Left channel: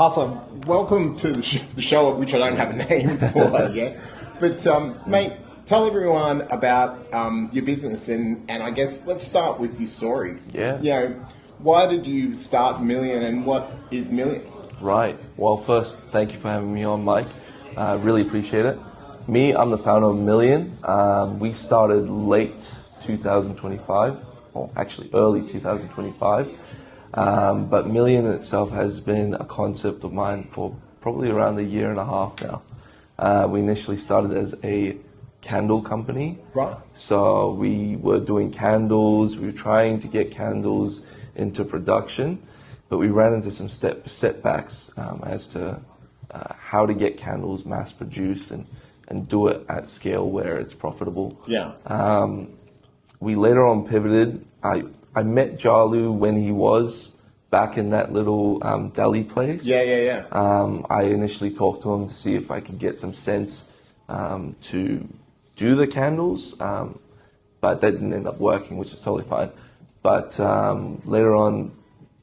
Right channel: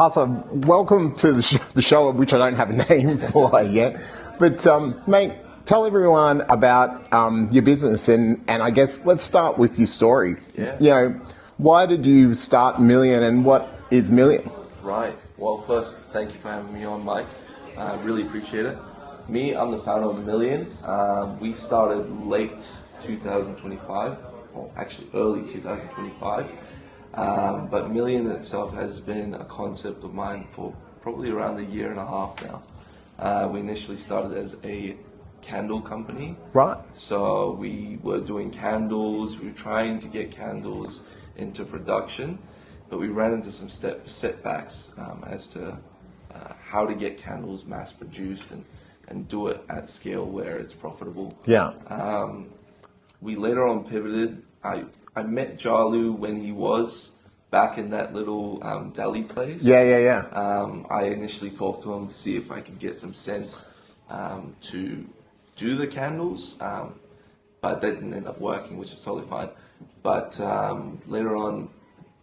Parsa, welcome to the show, which I don't have a name for yet. But, mate, tell everyone about your business, and I guess let's start with your story. Yeah. You know, why did you start Millian, and what is Millian? Right. Well, first, thank you for having me on, Mike. I really appreciate it. I'm the founder of Millian. We started late 2025, or actually early 2025. But Millian itself has been a concept of mine for probably around a year and a half now. We initially started as a candle company. Right. So we were doing candles, we were trying to get candles into production, but we ran into some setbacks as to how to get candles mass produced and do it at scale where it's profitable. Yeah. We later on pivoted. I met Jalu when he was back in that little deli place. Yeah. I initially talked to him to see if I could get some sense to do the candles, but that didn't end up working, which is totally fine. But later on,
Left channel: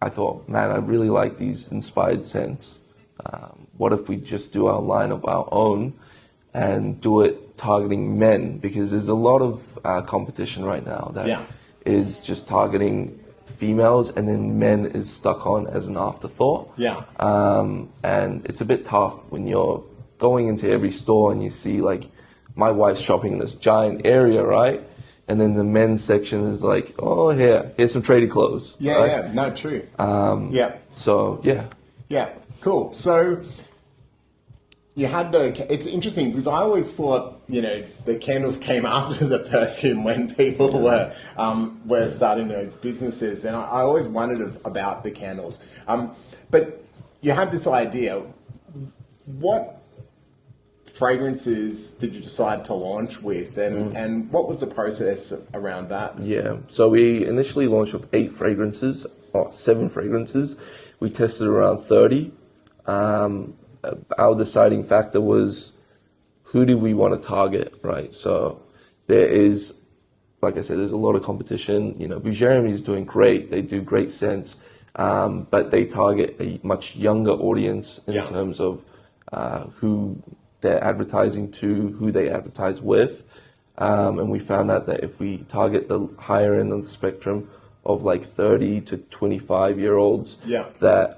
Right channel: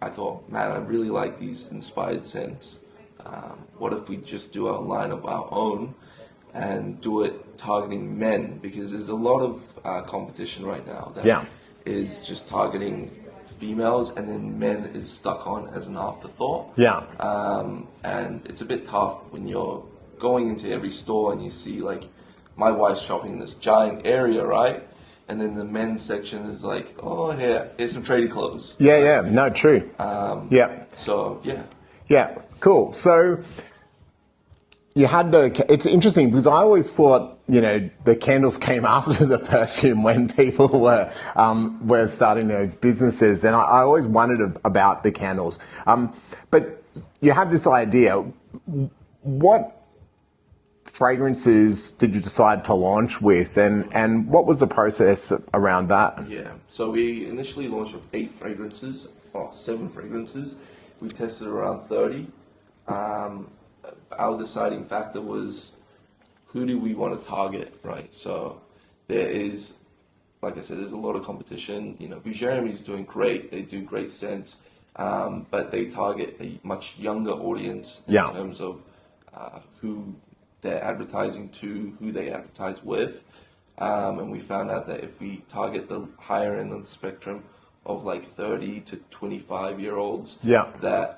I thought, man, I really like these inspired scents. What if we just do our line of our own and do it targeting men? Because there's a lot of competition right now that is just targeting females, and then men is stuck on as an afterthought. Yeah. And it's a bit tough when you're going into every store and you see, like, my wife's shopping in this giant area, right? And then the men's section is like, oh, here's some tradie clothes. Yeah, right? yeah, no, true. So, yeah. Yeah, cool. So you had it's interesting because I always thought, you know, the candles came after the perfume when people were starting those businesses, and I always wondered about the candles. But you had this idea. What fragrances did you decide to launch with, and what was the process around that? Yeah, so we initially launched with 7 fragrances. We tested around 30. Our deciding factor was, who do we want to target, right? So there is, like I said, there's a lot of competition. You know, Jeremy is doing great. They do great scents, but they target a much younger audience in terms of who they're advertising to, who they advertise with. And we found out that if we target the higher end of the spectrum of like 30 to 25-year-olds, that,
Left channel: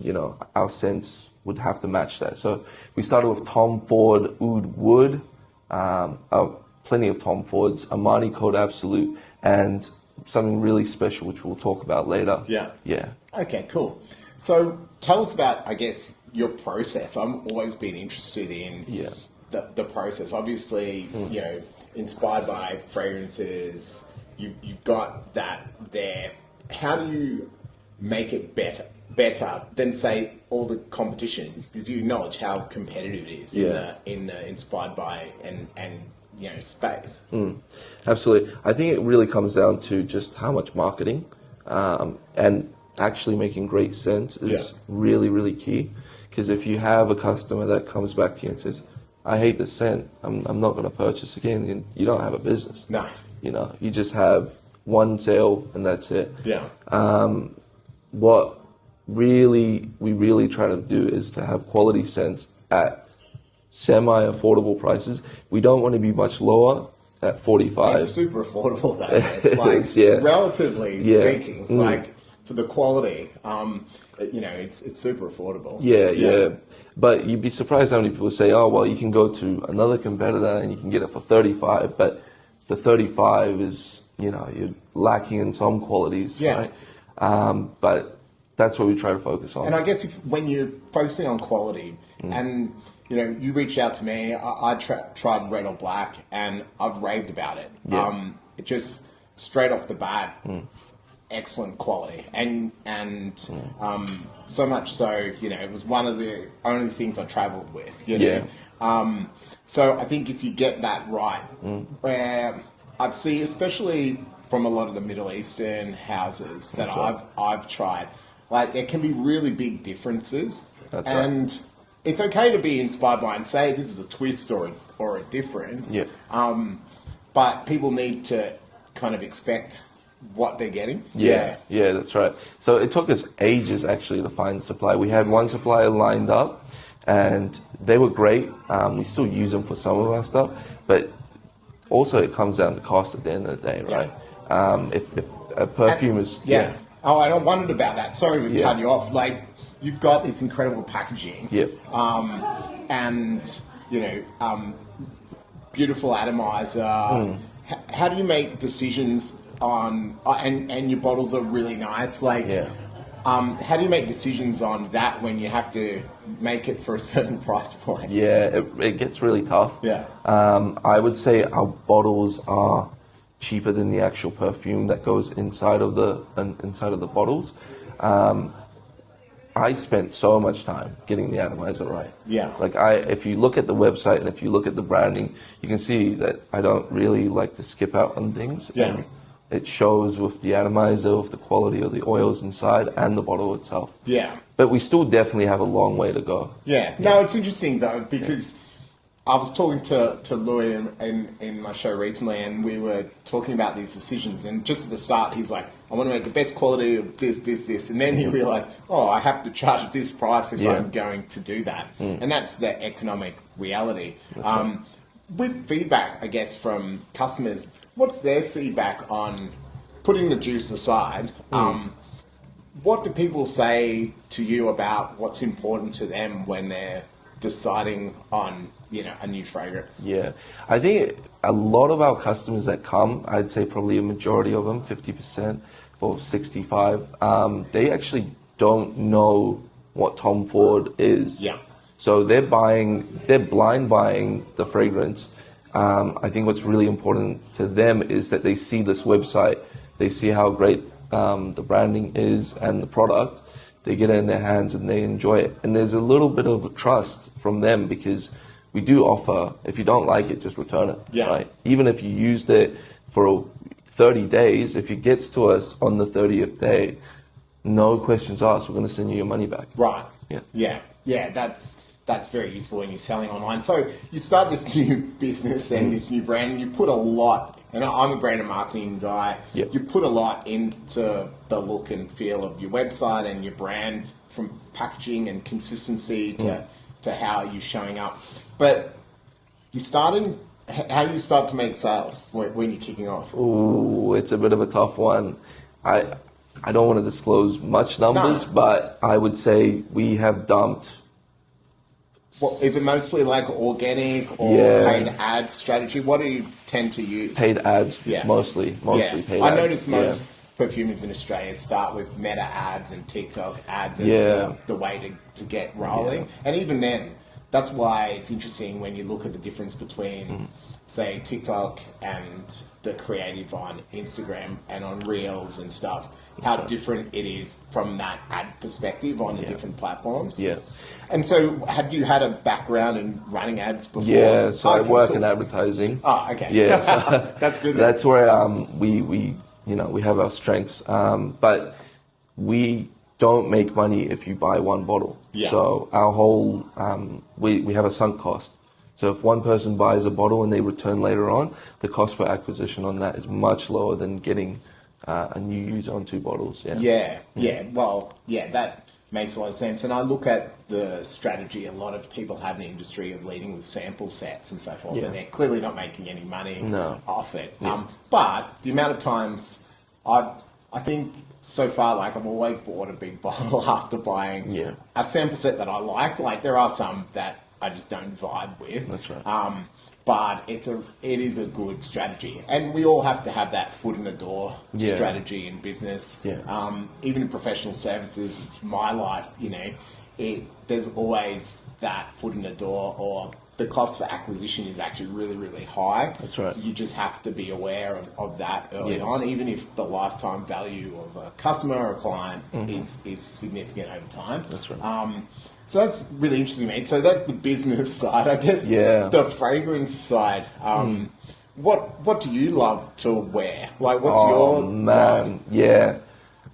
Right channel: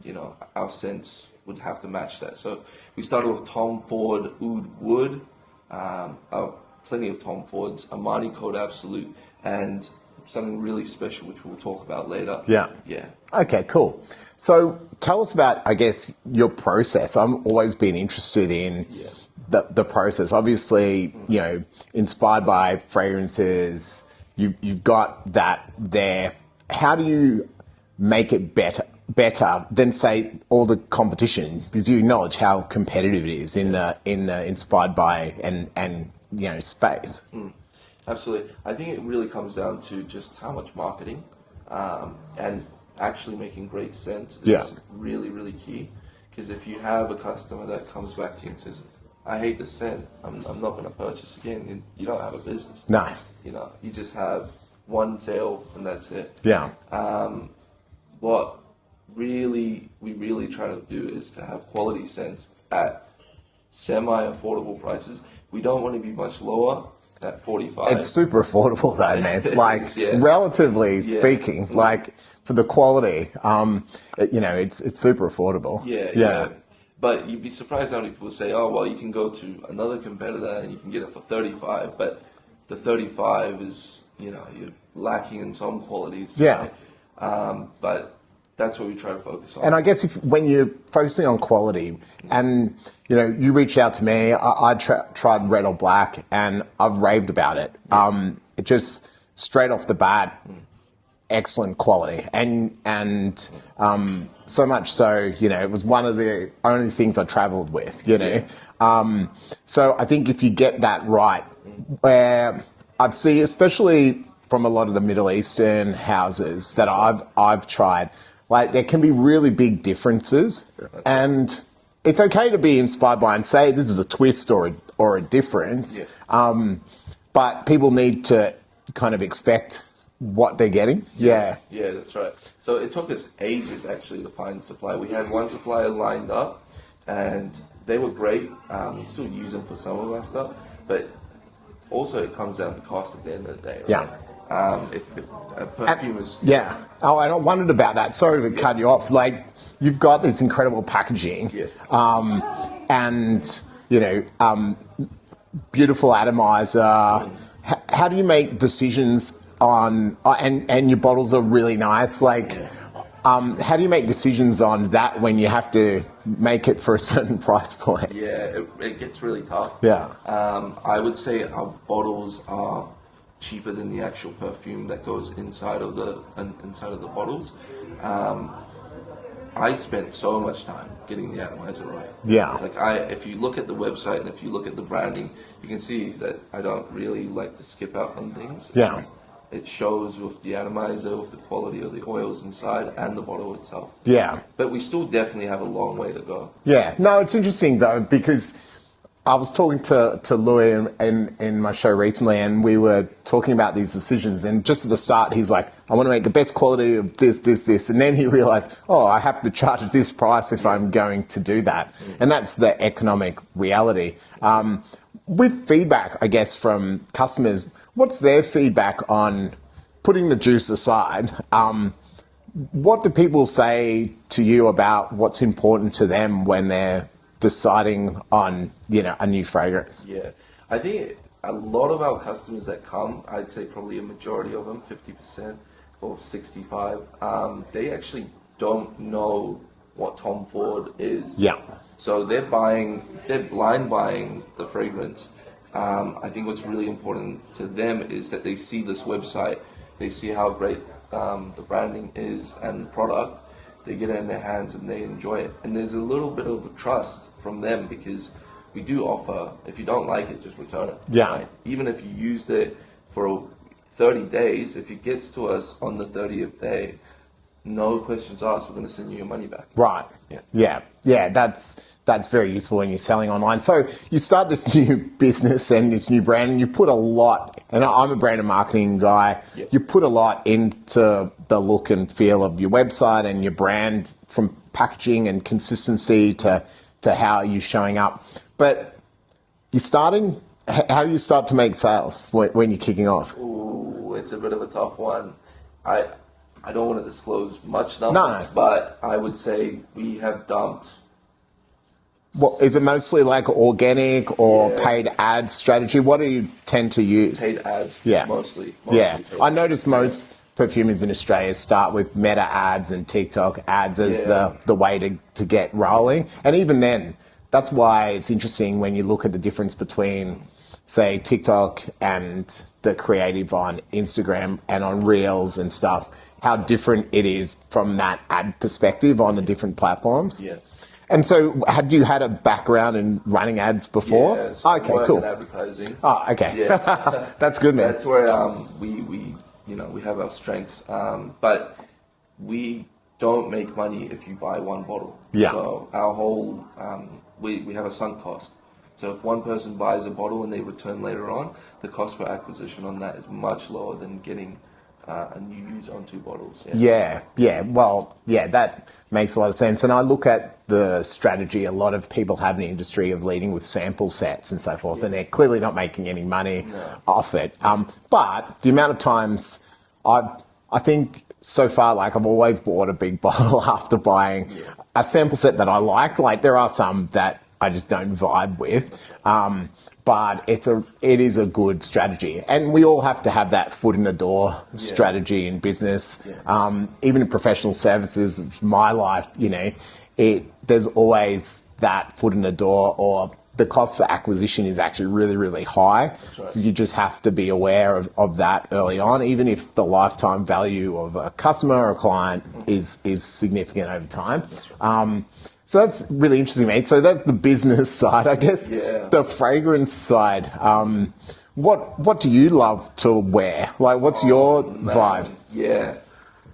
you know, our scents would have to match that. So we started with Tom Ford Oud Wood, plenty of Tom Fords, Armani Code Absolute, and something really special, which we'll talk about later. Yeah. Okay, cool. So tell us about, I guess, your process. I've always been interested in the process. Obviously, you know, inspired by fragrances, you've got that there. How do you make it better than, say, all the competition? Because you acknowledge how competitive it is in the inspired by and you know, space. Absolutely. I think it really comes down to just how much marketing and actually making great scents is really, really key. Because if you have a customer that comes back to you and says, I hate the scent, I'm not going to purchase again, then you don't have a business. No. You know, you just have one sale and that's it. Yeah. What we really try to do is to have quality scents at semi-affordable prices. We don't want to be much lower at 45. It's super affordable though, man. Like, relatively speaking, like, for the quality, you know, it's super affordable. Yeah. But you'd be surprised how many people say, oh, well, you can go to another competitor and you can get it for 35, but the 35 is, you know, you're lacking in some qualities. Yeah. Right? But that's what we try to focus on. And I guess when you're focusing on quality, and, you know, you reached out to me, I tried Red or Black, and I've raved about it. It just, straight off the bat, excellent quality, and so much so, you know, it was one of the only things I travelled with, you know. So I think if you get that right, where I've seen, especially from a lot of the Middle Eastern houses that I've tried, like, there can be really big differences, and it's okay to be inspired by and say this is a twist or a difference, but people need to kind of expect what they're getting. Yeah. Yeah, that's right. So it took us ages actually to find supply. We had one supplier lined up, and they were great. We still use them for some of our stuff, but also it comes down to cost at the end of the day, right? If a perfume is Oh, and I wondered about that. Sorry to cut you off. Like, you've got this incredible packaging, and beautiful atomizer. How do you make decisions on? And your bottles are really nice. Like, how do you make decisions on that when you have to make it for a certain price point? Yeah, it gets really tough. Yeah. I would say our bottles are cheaper than the actual perfume that goes inside of the bottles. I spent so much time getting the atomizer right. Yeah. Like if you look at the website and if you look at the branding, you can see that I don't really like to skip out on things. Yeah. It shows with the atomizer, with the quality of the oils inside and the bottle itself. Yeah. But we still definitely have a long way to go. Yeah. No, it's interesting though, because I was talking to Louis in my show recently, and we were talking about these decisions. And just at the start, he's like, I want to make the best quality of this. And then he realized, I have to charge this price if I'm going to do that. And that's the economic reality. With feedback, I guess, from customers, what's their feedback on putting the juice aside? What do people say to you about what's important to them when they're deciding on a new fragrance? Yeah, I think a lot of our customers that come, I'd say probably a majority of them, 50% or 65%, they actually don't know what Tom Ford is. Yeah. So they're blind buying the fragrance. I think what's really important to them is that they see this website, they see how great the branding is and the product. They get it in their hands and they enjoy it. And there's a little bit of trust from them because we do offer, if you don't like it, just return it. Yeah. Right? Even if you used it for 30 days, if it gets to us on the 30th day, no questions asked, we're going to send you your money back. Right. Yeah. Yeah, that's very useful when you're selling online. So you start this new business and this new brand, and you put a lot, and I'm a brand and marketing guy, you put a lot into the look and feel of your website and your brand, from packaging and consistency to how you're showing up. But how do you start to make sales when you're kicking off? Ooh, it's a bit of a tough one. I don't want to disclose much numbers, but I would say we have dumped. Well, is it mostly like organic or paid ad strategy? What do you tend to use? Paid ads, mostly paid ads. I noticed most perfumers in Australia start with Meta ads and TikTok ads as the way to get rolling. And even then, that's why it's interesting when you look at the difference between, say, TikTok and the creative on Instagram and on Reels and stuff, how different it is from that ad perspective on the different platforms. Yeah. And so, had you had a background in running ads before? Yeah, so I work in advertising. Oh, okay. Yeah, so that's good. That's where we have our strengths. But we don't make money if you buy one bottle. Yeah. So our whole we have a sunk cost. So if one person buys a bottle and they return later on, the cost per acquisition on that is much lower than getting a new user on 2 bottles. Yeah. Well, that makes a lot of sense. And I look at the strategy a lot of people have in the industry of leading with sample sets and so forth, and they're clearly not making any money off it. But the amount of times I think so far, like, I've always bought a big bottle after buying a sample set that I like. Like, there are some that I just don't vibe with. That's right. But it is a good strategy, and we all have to have that foot in the door strategy in business. Even in professional services, my life, there's always that foot in the door, or the cost for acquisition is actually really, really high. That's right. So you just have to be aware of that early on, even if the lifetime value of a customer or a client is significant over time. That's right. So that's really interesting, mate. So that's the business side, I guess. Yeah. The fragrance side. What do you love to wear? Like, what's your vibe? Yeah.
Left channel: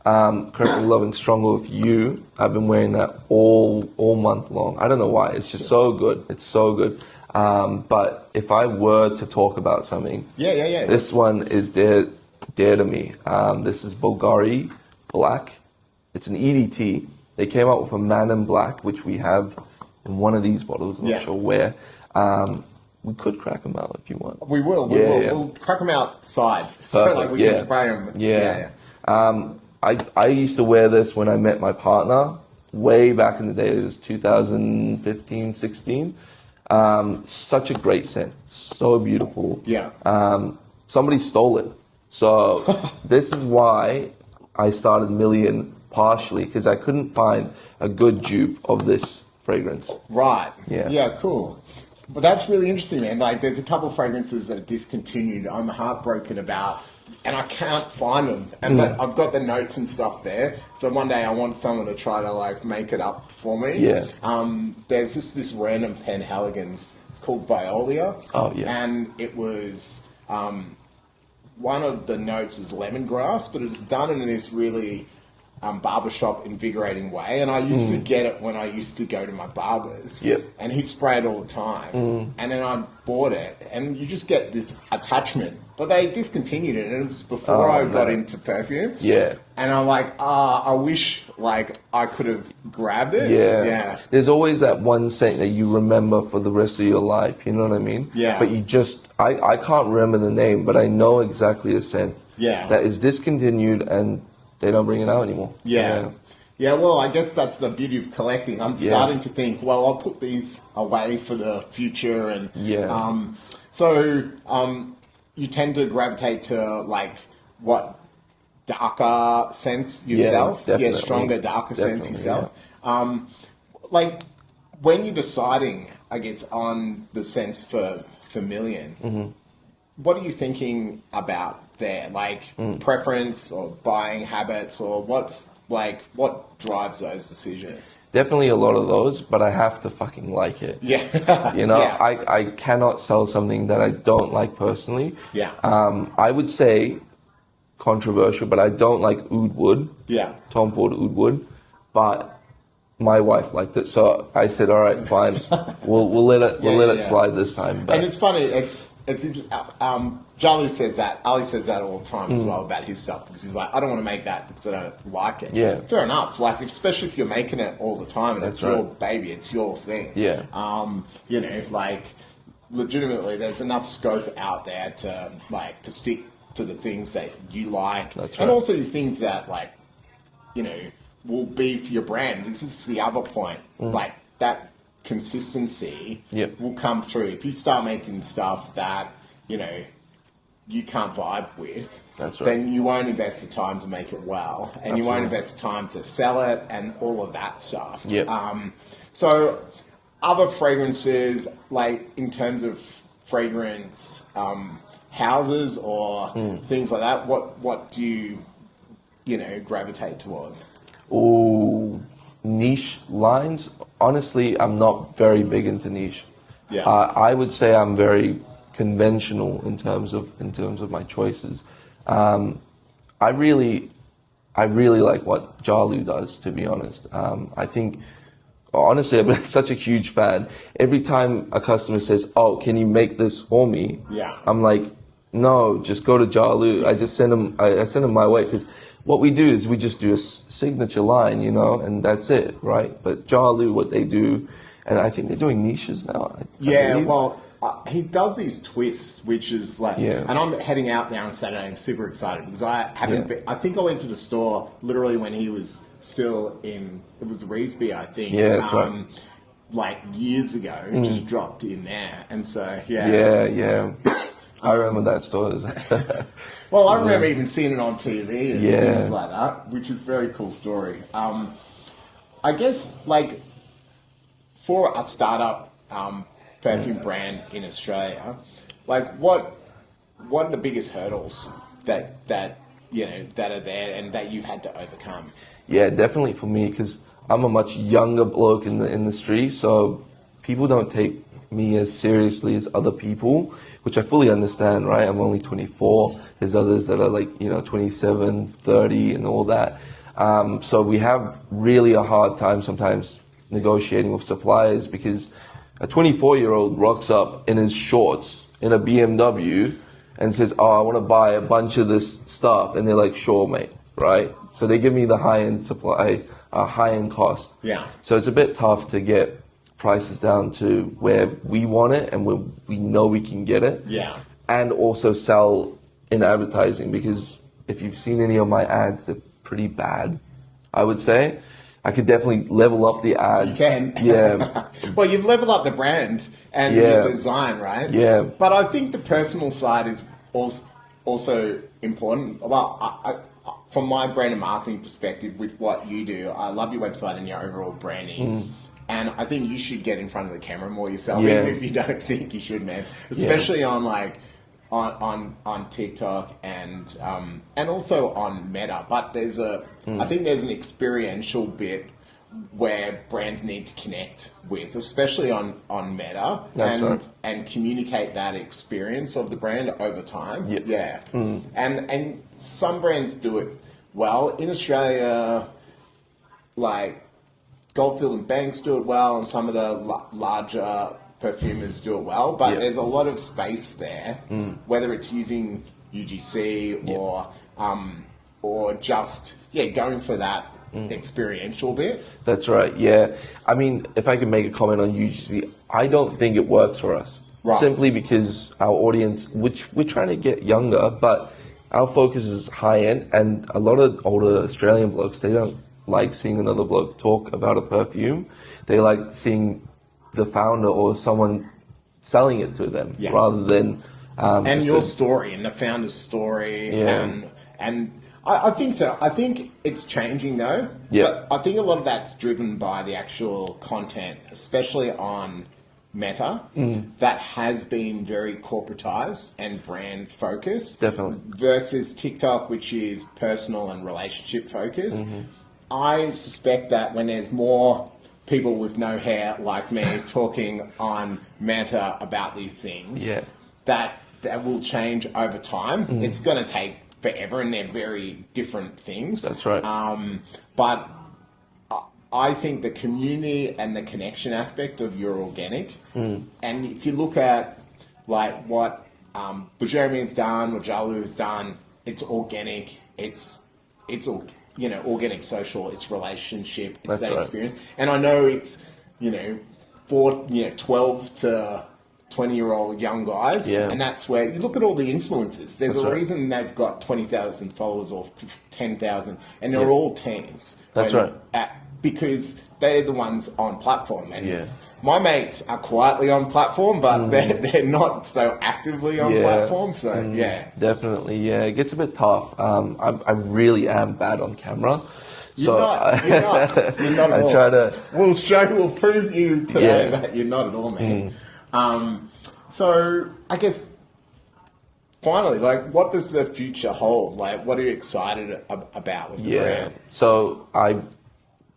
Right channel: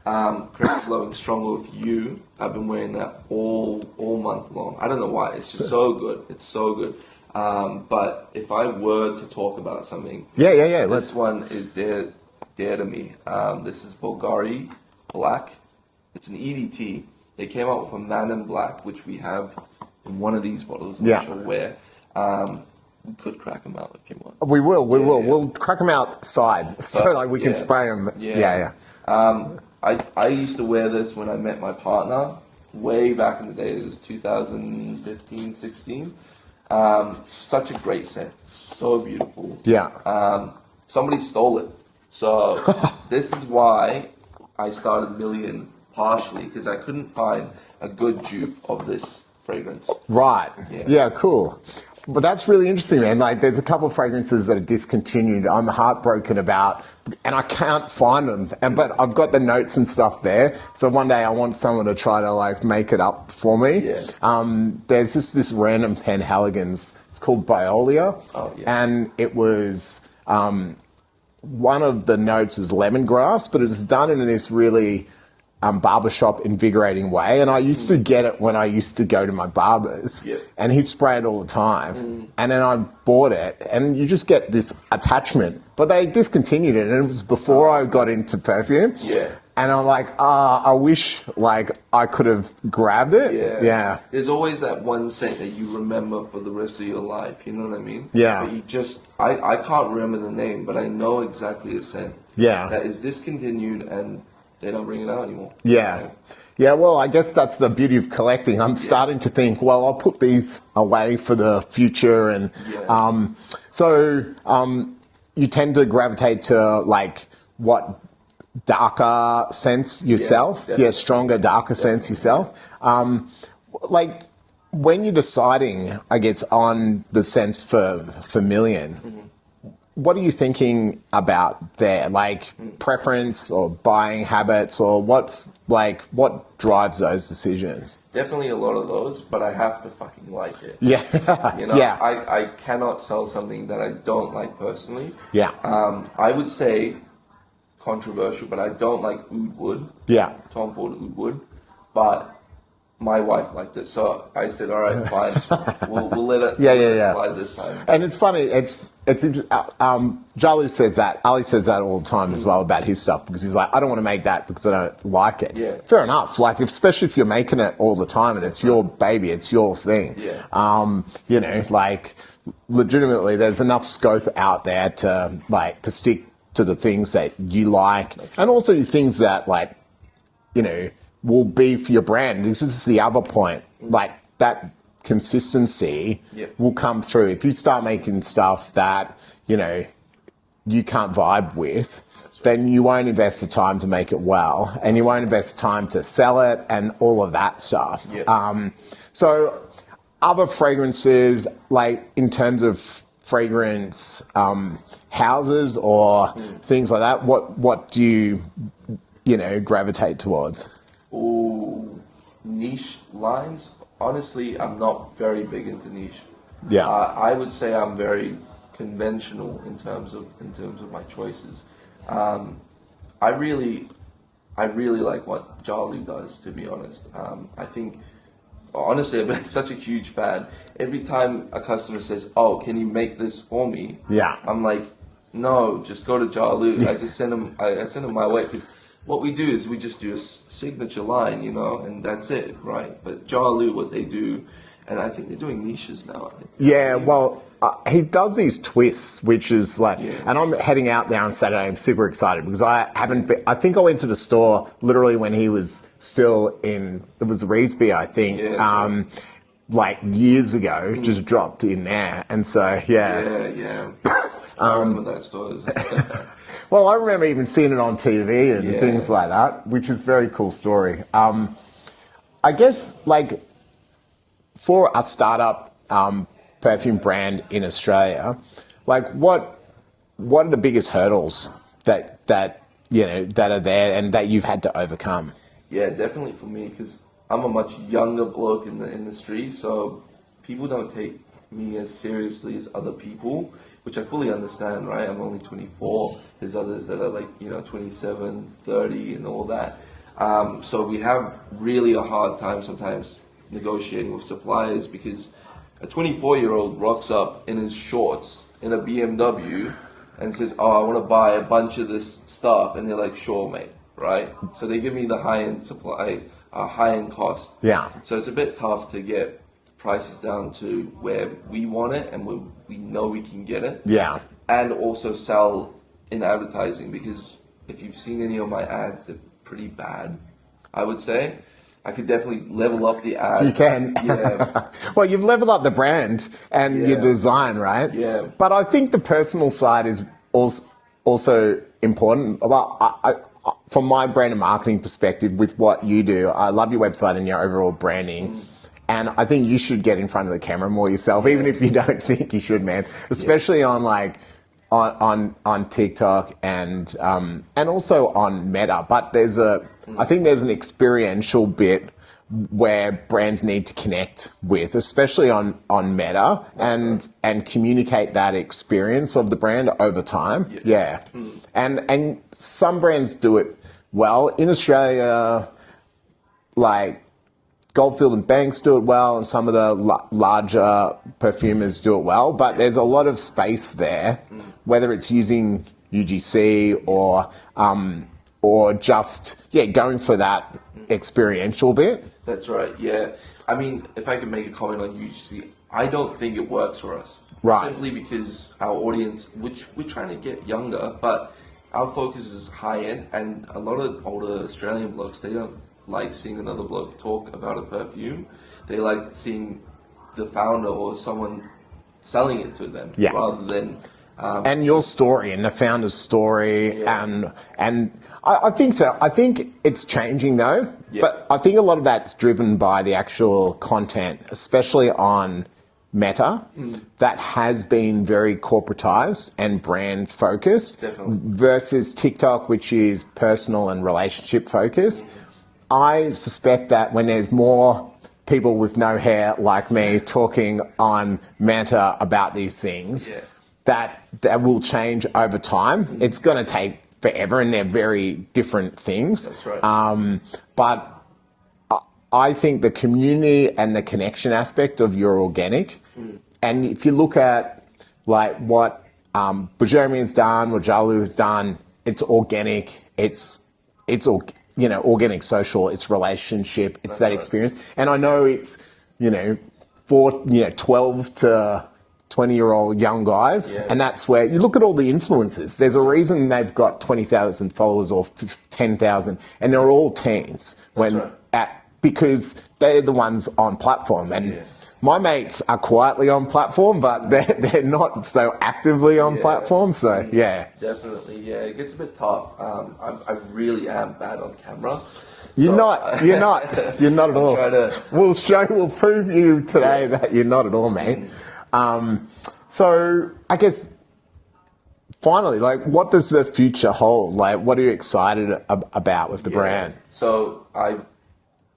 Currently loving Stronger With You. I've been wearing that all month long. I don't know why. It's just so good. It's so good. But if I were to talk about something, Yeah. this one is their dear to me. This is Bulgari Black. It's an EDT. They came out with a Man in Black, which we have in one of these bottles. I'm not sure where. We could crack them out if you want. We will. We'll crack them outside, so like we can spray them. I used to wear this when I met my partner way back in the day. It was 2015, 16. Such a great scent, so beautiful. Somebody stole it, so this is why I started Millian, partially because I couldn't find a good dupe of this fragrance. Right. Yeah. Cool. But that's really interesting, man. Like, there's a couple of fragrances that are discontinued. I'm heartbroken about, and I can't find them. But I've got the notes and stuff there. So one day I want someone to try to like make it up for me. There's just this random Penhaligon's. It's called Biolia. And it was one of the notes is lemongrass, but it's done in this really barbershop invigorating way, and I used to get it when I used to go to my barbers, and he'd spray it all the time, and then I bought it, and you just get this attachment, but they discontinued it, and it was before I got into perfume, and I'm like, I wish like I could have grabbed it. There's always that one scent that you remember for the rest of your life, you know what I mean? But you just, I can't remember the name, but I know exactly a scent that is discontinued and they don't bring it out anymore. Yeah, well, I guess that's the beauty of collecting. I'm starting to think, well, I'll put these away for the future. And so you tend to gravitate to, like, what, darker scents yourself? Stronger, darker scents yourself? Like, when you're deciding, I guess, on the scents for Millian, what are you thinking about there? Like preference or buying habits, or what drives those decisions? Definitely a lot of those, but I have to fucking like it. You know, I cannot sell something that I don't like personally. I would say controversial, but I don't like oud wood. Tom Ford oud wood, but my wife liked it, so I said, all right, fine, we'll let it slide this time. But. And it's funny, Jalu says that, Ali says that all the time as well about his stuff, because he's like, I don't want to make that because I don't like it. Fair enough, like, especially if you're making it all the time and it's your baby, it's your thing. You know, like, legitimately, there's enough scope out there to stick to the things that you like, and also things that, like, you know, will be for your brand. This is the other point, like, that consistency will come through. If you start making stuff that, you know, you can't vibe with, then you won't invest the time to make it well, and you won't invest the time to sell it and all of that stuff. So other fragrances, like in terms of fragrance houses or things like that, what do you know, gravitate towards? Niche lines. Honestly, I'm not very big into niche. I would say I'm very conventional in terms of my choices. I really like what Jalu does, to be honest. I think, honestly, I've been such a huge fan. Every time a customer says, "Oh, can you make this for me?" I'm like, "No, just go to Jalu." I just send them. I send them my way, because what we do is we just do a signature line, you know, and that's it, right? But Jalu, what they do, and I think they're doing niches now. Well, he does these twists, which is like, and I'm heading out there on Saturday. I'm super excited because I haven't been, I think I went to the store literally when he was still in, it was Reesby, I think. Like years ago, just dropped in there. And so, I remember that store. Well, I remember even seeing it on TV and things like that, which is a very cool story. I guess, like, for a startup perfume brand in Australia, like, what are the biggest hurdles that you know that are there and that you've had to overcome? Yeah, definitely for me, because I'm a much younger bloke in the industry, so people don't take me as seriously as other people, which I fully understand, right? I'm only 24. There's others that are like, you know, 27, 30 and all that. So we have really a hard time sometimes negotiating with suppliers, because a 24-year-old rocks up in his shorts in a BMW and says, oh, I want to buy a bunch of this stuff, and they're like, sure, mate, right? So they give me the high-end supply, high-end cost. Yeah. So it's a bit tough to get prices down to where we want it and where we know we can get it. Yeah. And also sell in advertising, because if you've seen any of my ads, they're pretty bad, I would say. I could definitely level up the ads. You can. Yeah. Well, you've leveled up the brand and your design, right? Yeah. But I think the personal side is also important. Well, from my brand and marketing perspective, with what you do, I love your website and your overall branding. And I think you should get in front of the camera more yourself, even if you don't think you should, man. Especially on like on TikTok and also on Meta. But there's I think there's an experiential bit where brands need to connect with, especially on Meta, and communicate that experience of the brand over time. Yeah. And some brands do it well. In Australia, like Goldfield and Banks do it well, and some of the larger perfumers do it well, but there's a lot of space there, whether it's using UGC or just going for that experiential bit. That's right, yeah. I mean, if I could make a comment on UGC, I don't think it works for us. Right. Simply because our audience, which we're trying to get younger, but our focus is high-end, and a lot of older Australian blokes, they don't like seeing another bloke talk about a perfume. They like seeing the founder or someone selling it to them rather than... and your story and the founder's story and I think so. I think it's changing though, but I think a lot of that's driven by the actual content, especially on Meta, that has been very corporatized and brand focused. Definitely. Versus TikTok, which is personal and relationship focused. I suspect that when there's more people with no hair like me talking on Meta about these things, that will change over time. It's going to take forever, and they're very different things. That's right. But I think the community and the connection aspect of your organic, and if you look at like what Jeremy has done, what Jalu has done, it's organic. It's organic social, it's relationship, it's that experience. And I know it's, 12 to 20-year-old young guys, and that's where you look at all the influencers. There's a reason they've got 20,000 followers or 10,000, and they're all teens. That's right. Because they're the ones on platform. And my mates are quietly on platform, but they're not so actively on platform. So definitely, it gets a bit tough. I really am bad on camera. You're not at all. We'll prove you today that you're not at all, man. So I guess finally, like, what does the future hold? Like, what are you excited about with the brand? So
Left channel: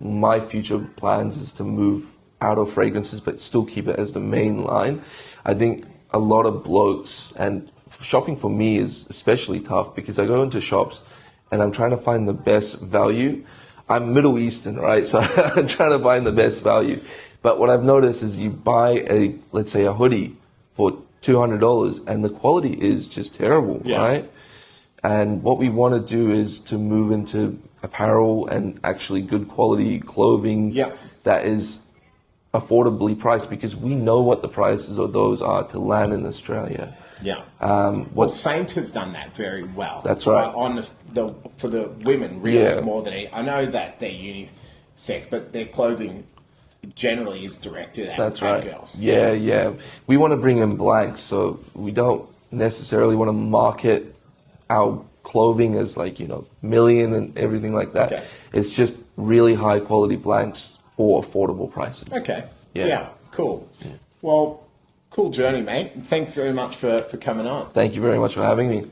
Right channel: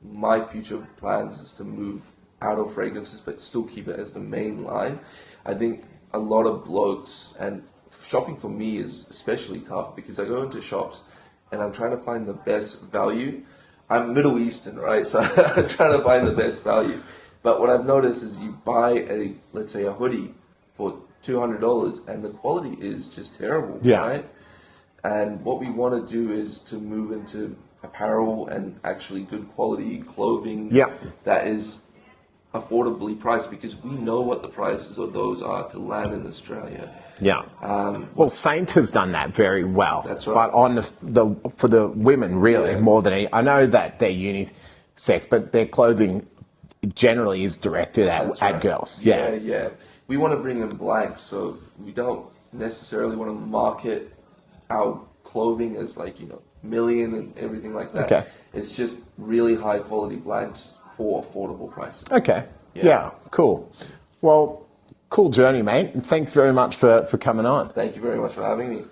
my future plans is to move out of fragrances, but still keep it as the main line. I think a lot of blokes, and shopping for me is especially tough because I go into shops and I'm trying to find the best value. I'm Middle Eastern, right? So I'm trying to find the best value. But what I've noticed is you buy let's say a hoodie for $200 and the quality is just terrible, right? And what we want to do is to move into apparel and actually good quality clothing that is affordably priced, because we know what the prices of those are to land in Australia. Well, Saint has done that very well. That's right. On for the women, really, more than any. I know that they're unisex, but their clothing generally is directed at girls. We want to bring in blanks, so we don't necessarily want to market our clothing as Millian and everything like that. It's just really high quality blanks for affordable prices. Cool. Well, cool journey, mate, and thanks very much for coming on. Thank you very much for having me.